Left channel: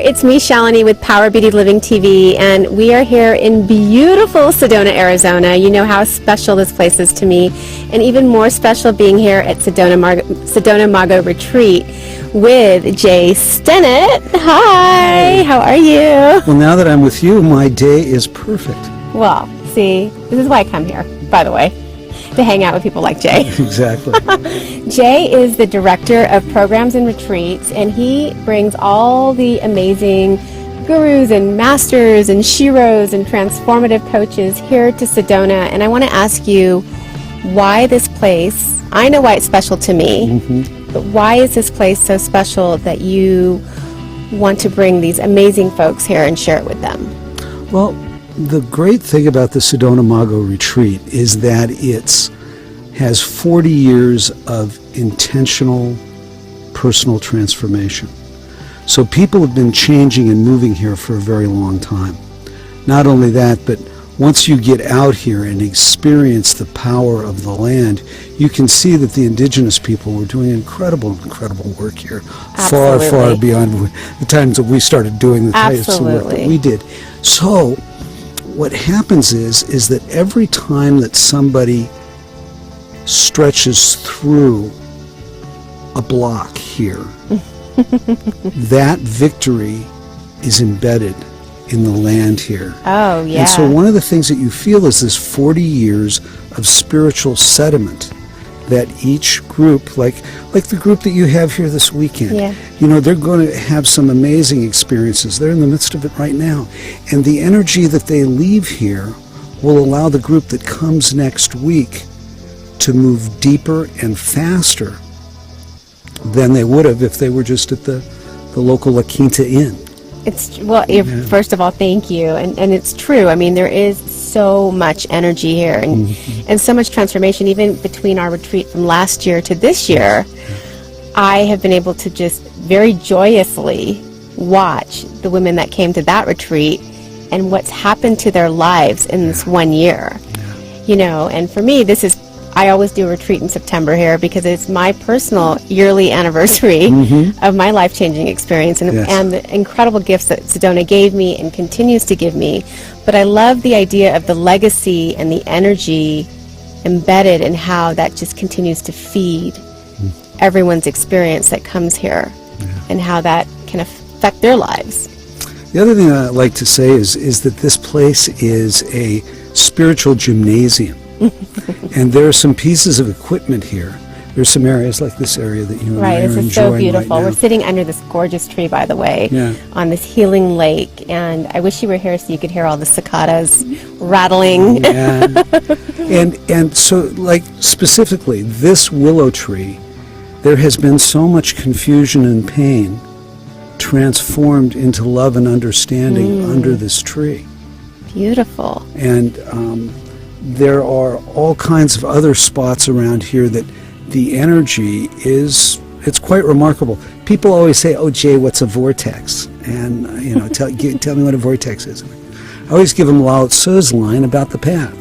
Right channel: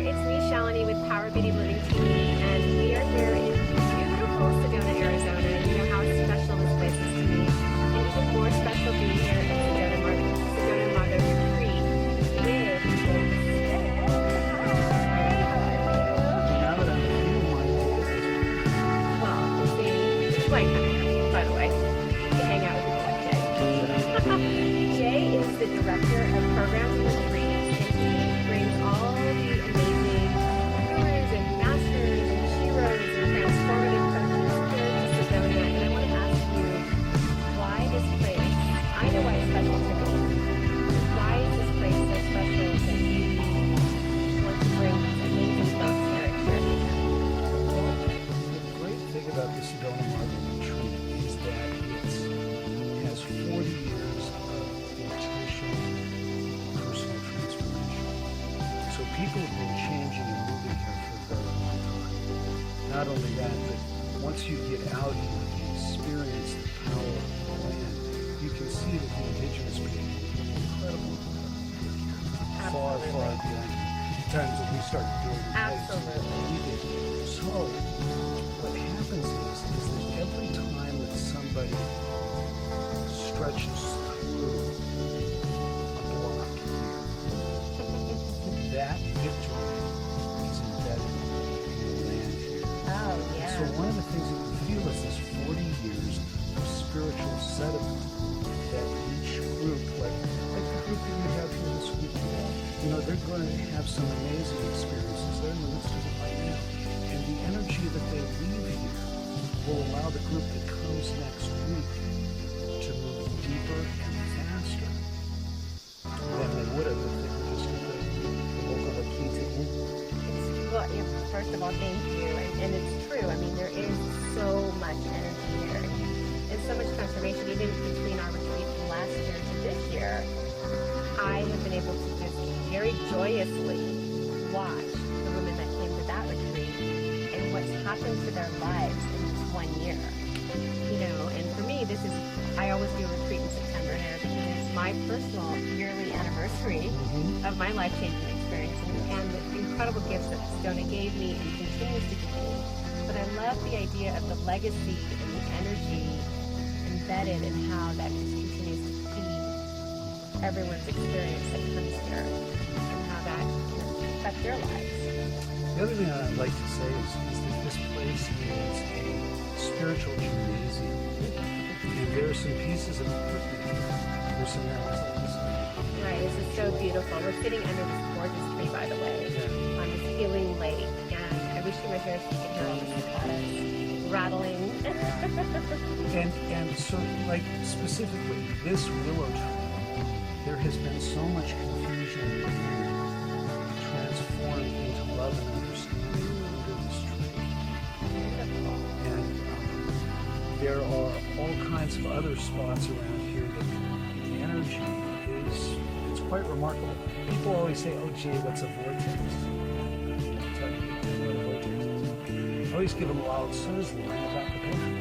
it's me, Shalini, with Power Beauty Living TV, and we are here in beautiful Sedona, Arizona. You know how special this place is to me, and even more special being here at Sedona Mago Retreat with Jay Stinnet. Hi, how are you? Well, now that I'm with you, my day is perfect. Well, see, this is why I come here, by the way, to hang out with people like Jay. Exactly. Jay is the director of programs and retreats, and he brings all the amazing gurus and masters and sheroes and transformative coaches here to Sedona. And I want to ask you why this place. I know why it's special to me, but why is this place so special that you want to bring these amazing folks here and share it with them? Well, the great thing about the Sedona Mago Retreat is that it has 40 years of intentional personal transformation. So people have been changing and moving here for a very long time. Not only that, but once you get out here and experience the power of the land, you can see that the indigenous people were doing incredible work here. Absolutely. Far beyond the times that we started doing the types of work that we did. So what happens is that every time that somebody stretches through a block here, that victory is embedded in the land here. Oh, yeah. And so one of the things that you feel is this 40 years of spiritual sediment that each group, like the group that you have here this weekend, you know, they're going to have some amazing experiences. They're in the midst of it right now. And the energy that they leave here will allow the group that comes next week to move deeper and faster than they would have if they were just at the local La Quinta Inn. First of all, thank you. And it's true. I mean, there is so much energy here and so much transformation. Even between our retreat from last year to this year, I have been able to just very joyously watch the women that came to that retreat and what's happened to their lives in this 1 year. You know, and for me, I always do a retreat in September here because it's my personal yearly anniversary of my life-changing experience and the incredible gifts that Sedona gave me and continues to give me. But I love the idea of the legacy and the energy embedded in how that just continues to feed everyone's experience that comes here and how that can affect their lives. The other thing I'd like to say is that this place is a spiritual gymnasium. And there are some pieces of equipment here. There's some areas like this area that you and I are enjoying. This is so beautiful. Right now. We're sitting under this gorgeous tree, by the way, on this healing lake. And I wish you were here so you could hear all the cicadas rattling. And so, like, specifically, this willow tree, there has been so much confusion and pain transformed into love and understanding under this tree. Beautiful. And there are all kinds of other spots around here that the energy it's quite remarkable. People always say, "Oh, Jay, what's a vortex?" And you know, tell me what a vortex is. I always give them Lao Tzu's line about the path.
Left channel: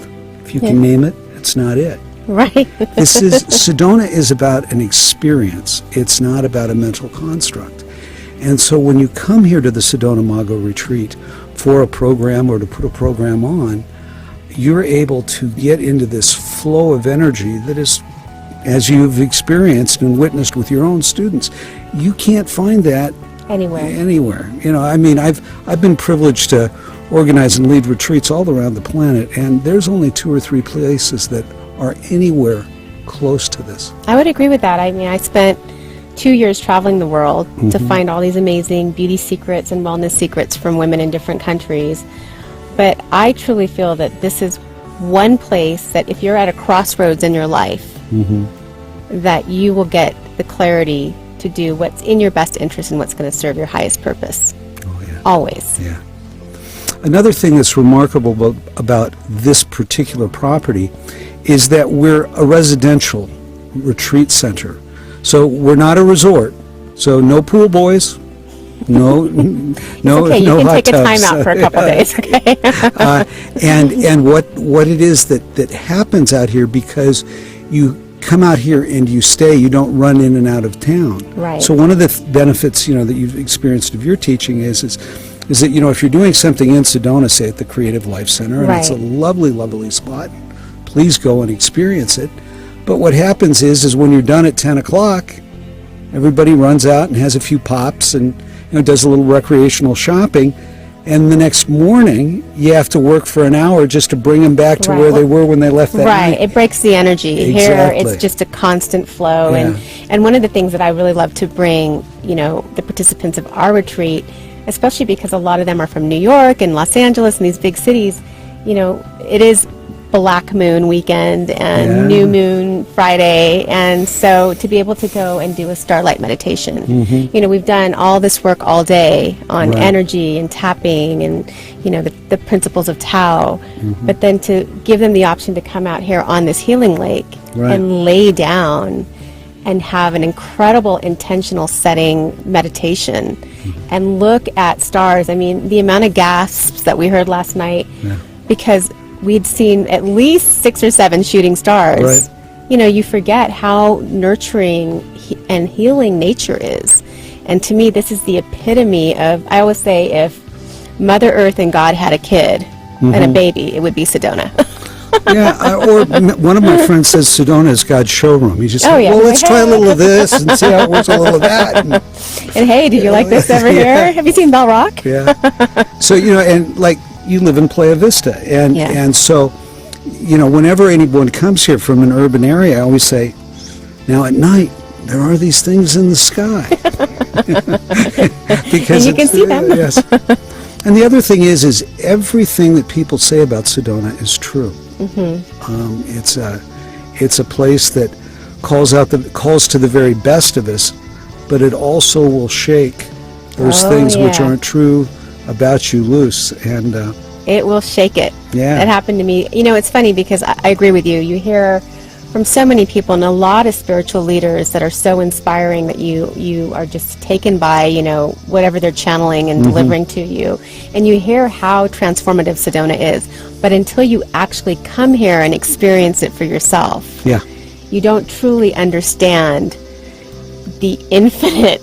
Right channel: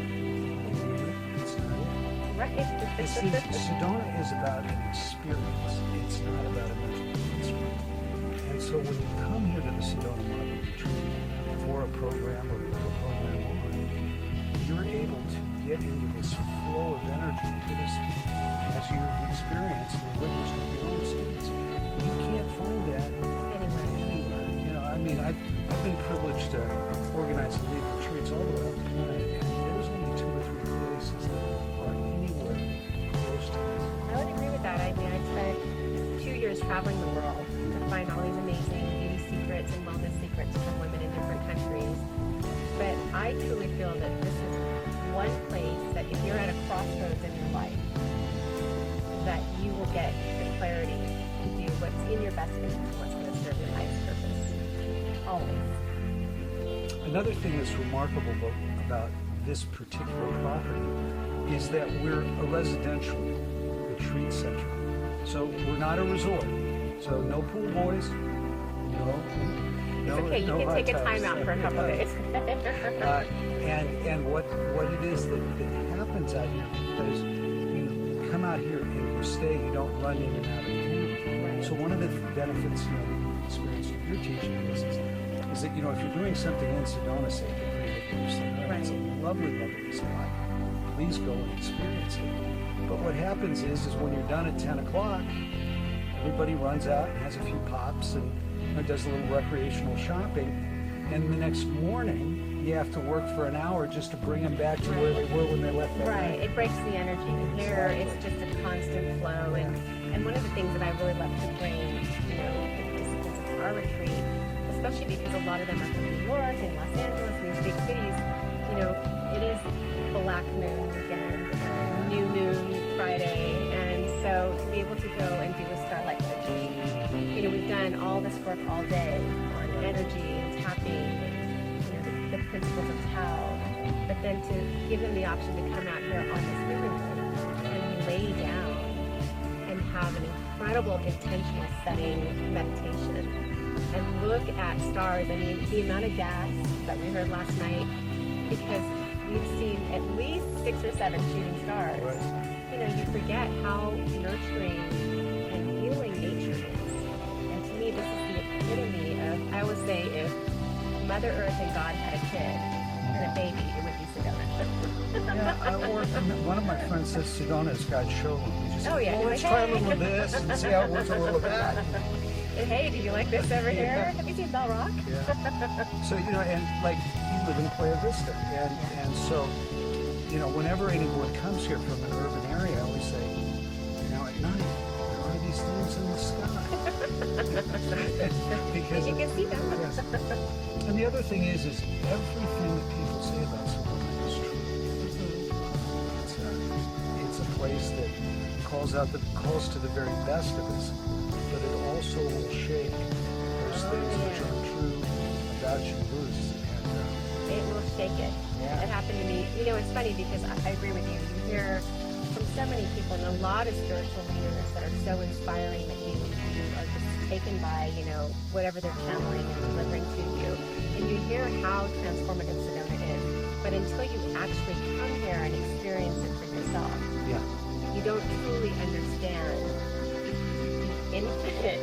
If you can name it, it's not it. Right. Sedona is about an experience. It's not about a mental construct. And so when you come here to the Sedona Mago Retreat for a program or to put a program on, you're able to get into this flow of energy that is, as you've experienced and witnessed with your own students, you can't find that anywhere. You know, I mean, I've been privileged to organize and lead retreats all around the planet, and there's only 2 or 3 places that are anywhere close to this. I would agree with that. I mean, I spent 2 years traveling the world to find all these amazing beauty secrets and wellness secrets from women in different countries. But I truly feel that this is one place that if you're at a crossroads in your life, that you will get the clarity to do what's in your best interest and what's going to serve your highest purpose. Oh, yeah. Always. Yeah. Another thing that's remarkable about this particular property is that we're a residential retreat center. So we're not a resort. So no pool boys. No, okay, you can hot take a time tubs. out for a couple days, okay? And what it is that happens out here, because you come out here and you stay, you don't run in and out of town. Right. So one of the benefits, that you've experienced of your teaching is that, if you're doing something in Sedona, say at the Creative Life Center, and it's a lovely, lovely spot, please go and experience it. But what happens is when you're done at 10 o'clock, everybody runs out and has a few pops and does a little recreational shopping. And the next morning, you have to work for an hour just to bring them back to where they were when they left that night. Right, it breaks the energy. Exactly. Here, it's just a constant flow. Yeah. And one of the things that I really love to bring, the participants of our retreat, especially because a lot of them are from New York and Los Angeles and these big cities, it is Black Moon weekend and New Moon Friday, and so to be able to go and do a starlight meditation, we've done all this work all day on energy and tapping and the principles of Tao, but then to give them the option to come out here on this healing lake and lay down and have an incredible intentional setting meditation and look at stars. I mean, the amount of gasps that we heard last night because we'd seen at least 6 or 7 shooting stars. Right. You forget how nurturing and healing nature is. And to me, this is the epitome of, I always say, if Mother Earth and God had a kid and a baby, it would be Sedona. Or one of my friends says Sedona is God's showroom. He just said, well, let's try a little of this and see how it works, a little of that. And hey, did you like this over here? Have you seen Bell Rock? So, and like, you live in Playa Vista, and so, whenever anyone comes here from an urban area, I always say, now at night, there are these things in the sky. Because and you can see them. Yes. And the other thing is everything that people say about Sedona is true. It's a place that calls to the very best of us, but it also will shake those things which aren't true about you loose, and it will shake it. That happened to me. It's funny because I agree with you. You hear from so many people and a lot of spiritual leaders that are so inspiring that you are just taken by whatever they're channeling and delivering to you, and you hear how transformative Sedona is, but until you actually come here and experience it for yourself, you don't truly understand the infinite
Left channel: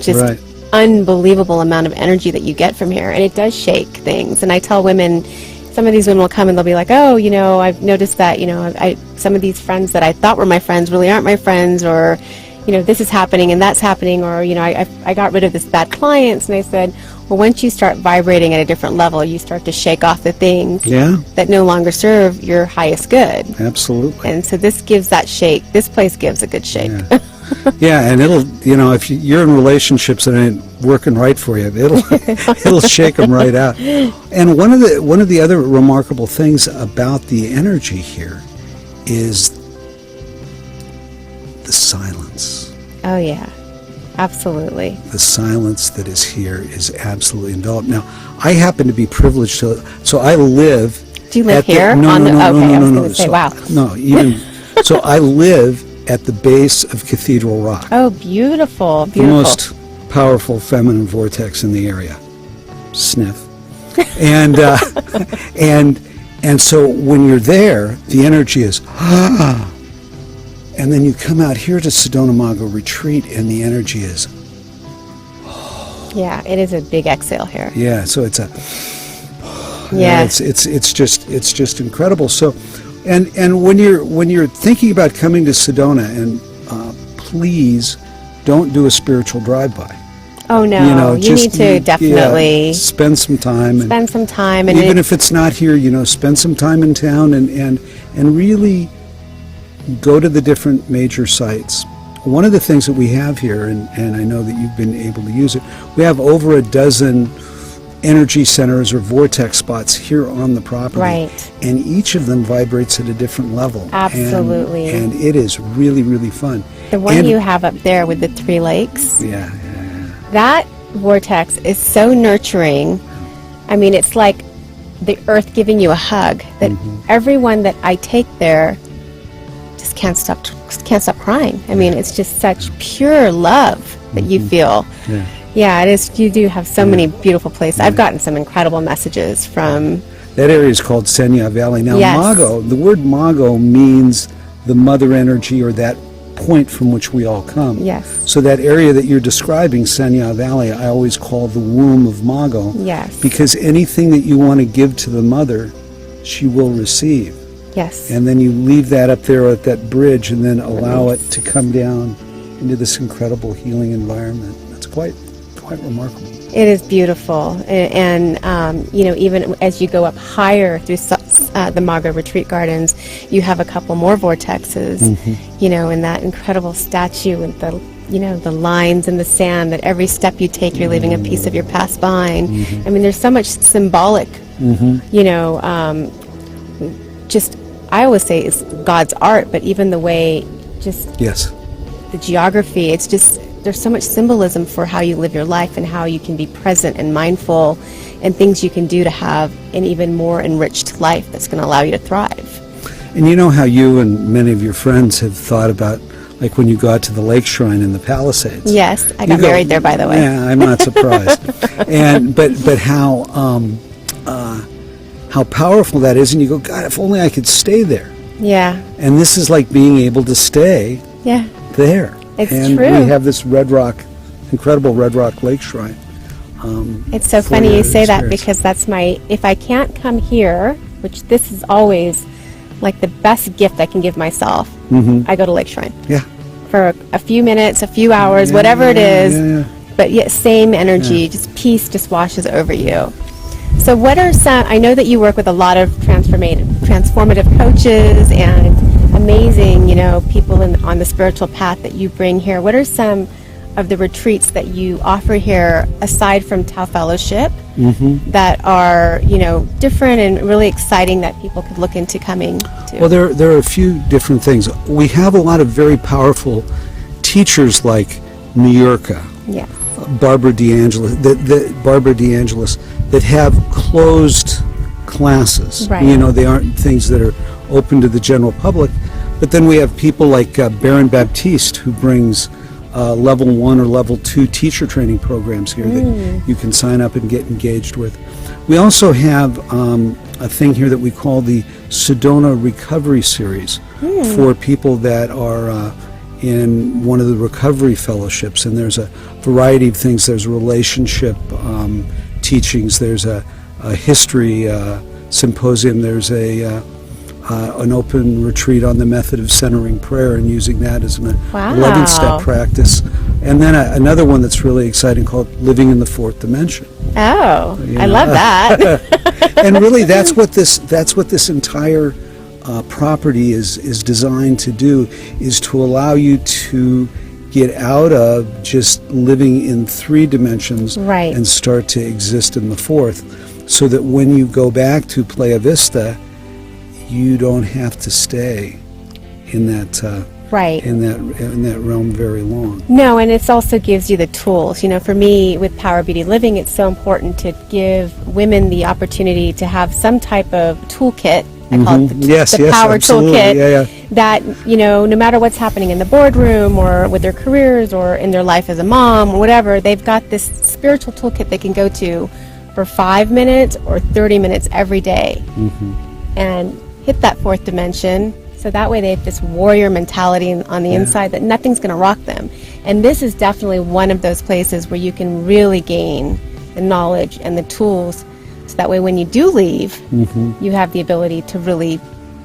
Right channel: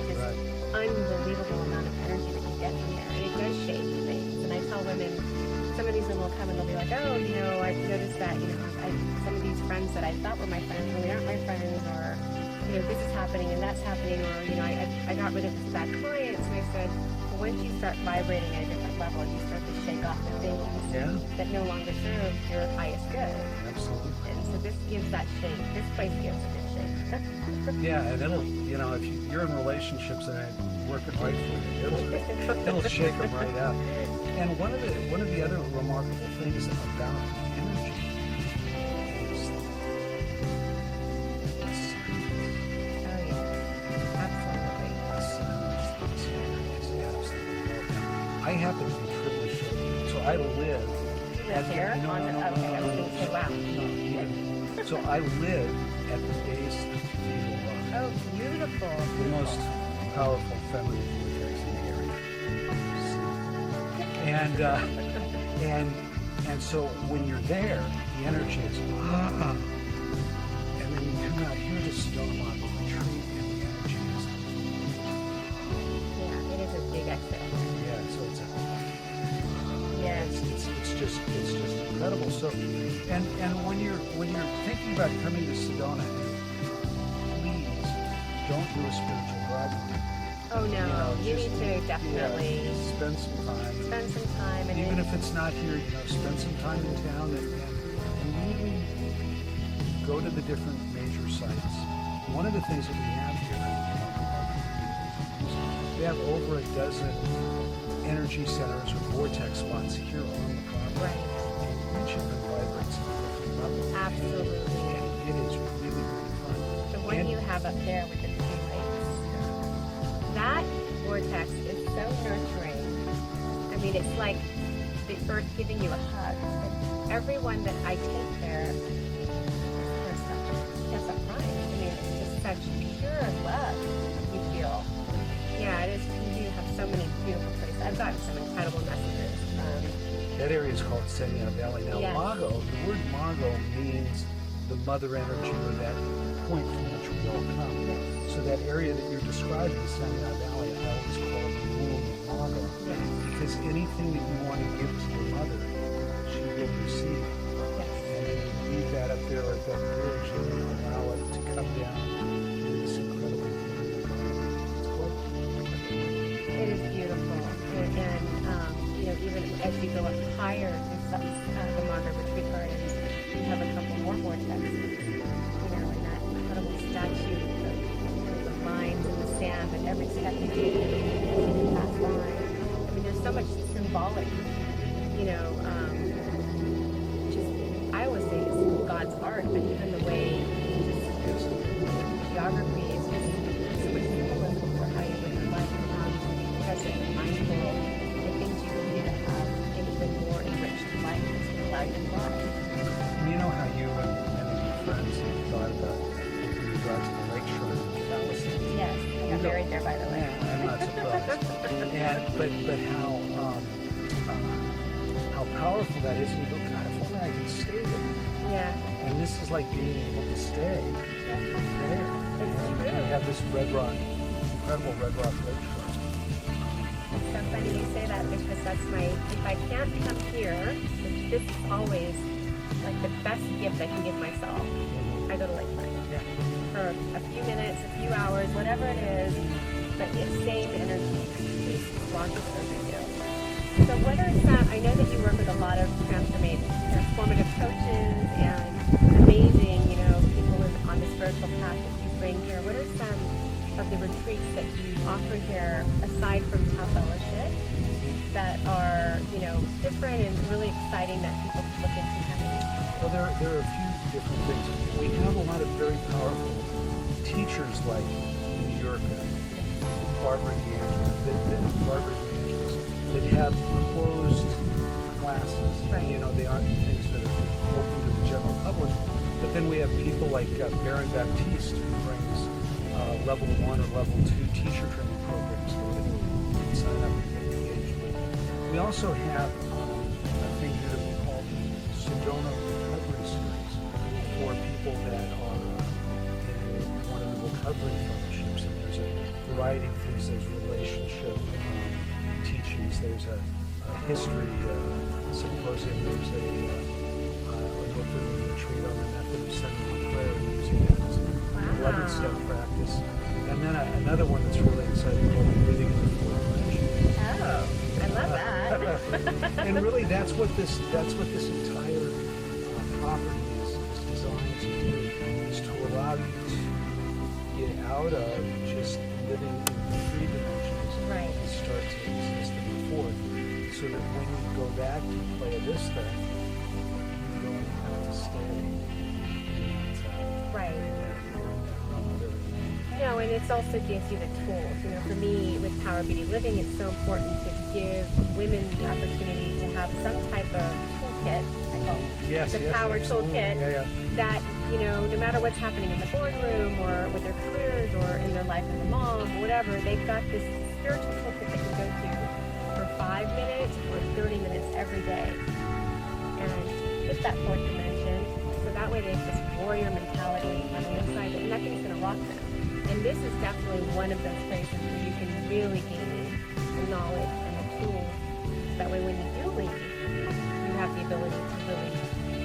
just unbelievable amount of energy that you get from here. And it does shake things. And I tell women, some of these women will come and they'll be like, I've noticed that some of these friends that I thought were my friends really aren't my friends, or this is happening and that's happening, or I got rid of this bad clients. And I said, well, once you start vibrating at a different level, you start to shake off the things that no longer serve your highest good. Absolutely. And so this gives that shake. This place gives a good shake. And it'll, if you're in relationships that ain't working right for you, it'll shake them right out. And one of the other remarkable things about the energy here is the silence. Oh yeah, absolutely. The silence that is here is absolutely enveloped. Now, I happen to be privileged so I live. Do you live here? No. I was going to say, wow. No, so I live at the base of Cathedral Rock. Oh, beautiful, beautiful. The most powerful feminine vortex in the area. Sniff. And so when you're there, the energy is and then you come out here to Sedona Mago Retreat and the energy is it is a big exhale here. So it's it's just incredible. So And when you're thinking about coming to Sedona, and please don't do a spiritual drive-by. Oh no, you need to definitely spend some time. And even if it's not here, spend some time in town and really go to the different major sites. One of the things that we have here, and I know that you've been able to use it, we have over a dozen energy centers or vortex spots here on the property. Right. And each of them vibrates at a different level. Absolutely. And it is really, really fun. The one you have up there with the 3 lakes. That vortex is so nurturing. I mean, it's like the earth giving you a hug, that everyone that I take there just can't stop crying. I mean, it's just such pure love that you feel. Yeah, it is. You do have so many beautiful places. I've gotten some incredible messages from... That area is called Senya Valley. Now, Yes. Mago, the word Mago means the mother energy, or that point from which we all come. Yes. So that area that you're describing, Senya Valley, I always call the womb of Mago. Yes. Because anything that you want to give to the mother, she will receive. Yes. And then you leave that up there at that bridge, and then allow it to come down into this incredible healing environment. It's quite remarkable. It is beautiful, and you know, even as you go up higher through the Mago Retreat Gardens, you have a couple more vortexes. You know, and that incredible statue with the, you know, the lines in the sand, that every step you take, you're leaving a piece of your past behind. I mean, there's so much symbolic. You know, just I always say it's God's art, but even the way, just Yes. the geography, it's just, there's so much symbolism for how you live your life and how you can be present and mindful, and things you can do to have an even more enriched life that's going to allow you to thrive. And you know how you and many of your friends have thought about, like when you go out to the lake shrine in the Palisades. Yes, I got married there, by the way. Yeah, I'm not surprised. but how powerful that is, and you go, God, if only I could stay there. Yeah. And this is like being able to stay there. It's and true. we have this incredible Red Rock Lake Shrine. It's so for funny your you say that, experience. because that's my, if I can't come here, which this is always like the best gift I can give myself, I go to Lake Shrine. Yeah. For a few minutes, a few hours, whatever it is, but yet same energy, just peace just washes over you. So what are some, I know that you work with a lot of transformative coaches and amazing, you know, people on the spiritual path that you bring here. What are some of the retreats that you offer here, aside from Tao Fellowship, that are, you know, different and really exciting that people could look into coming to? Well, there are a few different things. We have a lot of very powerful teachers like Nuyurka, Yeah. Barbara DeAngelis, that have closed classes. Right. You know, they aren't things that are open to the general public. But then we have people like Baron Baptiste, who brings level 1 or level 2 teacher training programs here that you can sign up and get engaged with. We also have a thing here that we call the Sedona Recovery Series for people that are in one of the recovery fellowships, and there's a variety of things. There's relationship teachings, there's a history symposium, there's an open retreat on the method of centering prayer and using that as an 11-step practice. And then another one that's really exciting called Living in the Fourth Dimension. Oh, I love that. And really that's what this entire property is designed to do, is to allow you to get out of just living in 3 dimensions and start to exist in the 4th, so that when you go back to Playa Vista, you don't have to stay in that in that realm very long. No, and it also gives you the tools. You know, for me with Power Beauty Living, it's so important to give women the opportunity to have some type of toolkit. I call it the power absolutely. toolkit. That, you know, no matter what's happening in the boardroom or with their careers or in their life as a mom or whatever, they've got this spiritual toolkit they can go to for 5 minutes or 30 minutes every day and hit that 4th dimension. So that way they have this warrior mentality on the inside that nothing's going to rock them. And this is definitely one of those places where you can really gain the knowledge and the tools, so that way when you do leave, you have the ability to really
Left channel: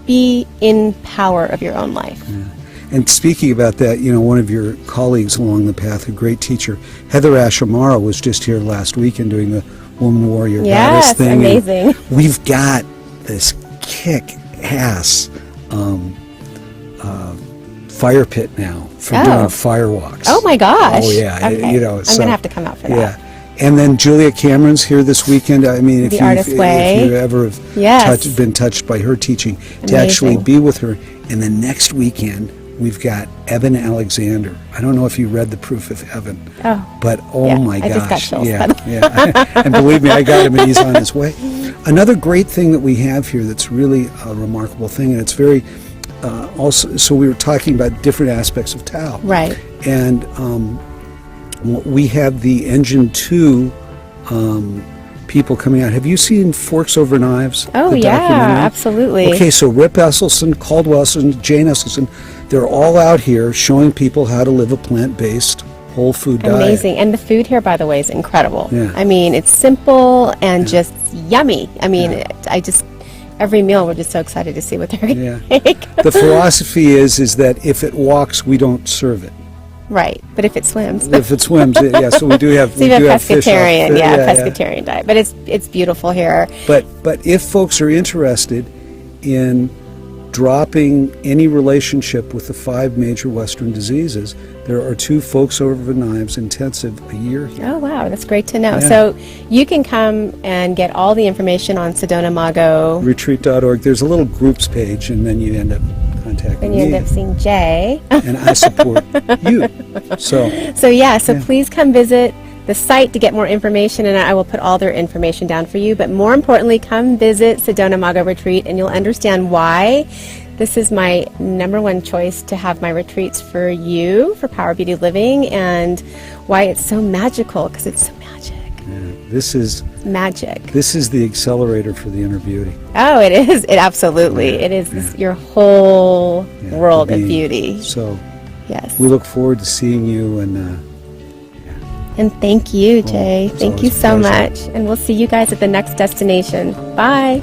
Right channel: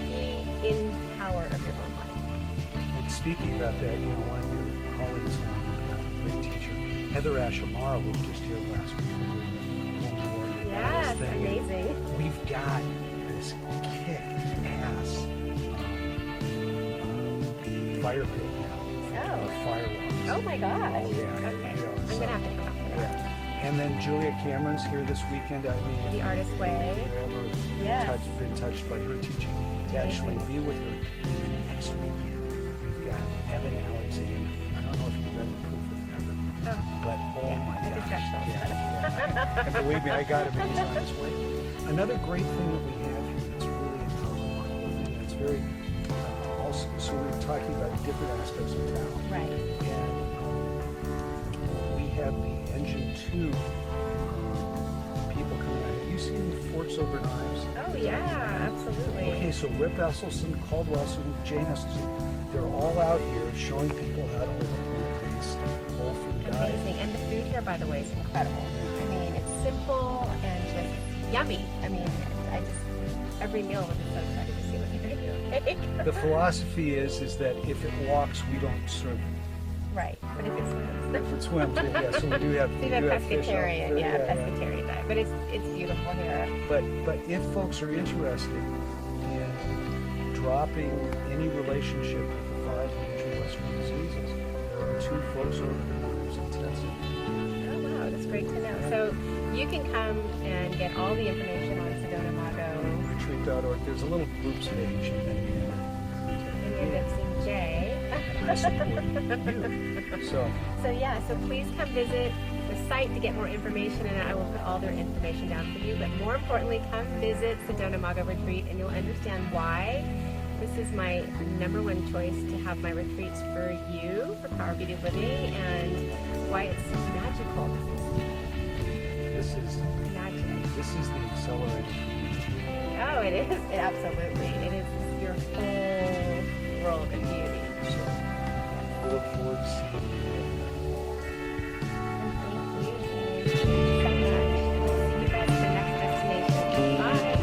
be in power of your own life. And speaking about that, you know, one of your colleagues along the path, a great teacher, Heather Ashamara, was just here last weekend doing the Woman Warrior Goddess thing. Amazing. And we've got this kick-ass fire pit now for doing firewalks. Oh my gosh. Oh yeah. Okay. You know, I'm going to have to come out for that. Yeah. And then Julia Cameron's here this weekend. I mean, if you ever have been touched by her teaching, to actually be with her. And then next weekend, we've got Evan Alexander. I don't know if you read The Proof of Heaven, but my gosh. I just got chills. And believe me, I got him and he's on his way. Another great thing that we have here that's really a remarkable thing, and it's very also, so we were talking about different aspects of Tao. Right. And we have the Engine 2 people coming out. Have you seen Forks Over Knives? Oh, the yeah, documentary? absolutely. Okay, so Rip Esselstyn, Caldwell Esselstyn, Jane Esselstyn, they're all out here showing people how to live a plant-based, whole food diet. Amazing. And the food here, by the way, is incredible. Yeah. I mean, it's simple and just yummy. I mean, every meal we're just so excited to see what they're going to make. The philosophy is that if it walks, we don't serve it. Right, but if it swims. If it swims, yeah. So we do have. So you have pescatarian, fish pescatarian diet. But it's beautiful here. But if folks are interested in dropping any relationship with the 5 major Western diseases, there are 2 Forks Over Knives intensive a year here. Oh wow, that's great to know. Yeah. So you can come and get all the information on Sedona Mago Retreat.org. There's a little groups page, and then you end up contacting and you me. end up seeing Jay. And I support you. So Please come visit the site to get more information, and I will put all their information down for you. But more importantly, come visit Sedona Mago Retreat, and you'll understand why this is my #1 choice to have my retreats for you, for Power Beauty Living, and why it's so magical, because it's so magic. this is Magic. This is the accelerator for the inner beauty. Oh, it is. It absolutely. It is your whole world of beauty. So Yes. we look forward to seeing you, And thank you, Jay. it's Thank you always a so pleasure. much. And we'll see you guys at the next destination. Bye.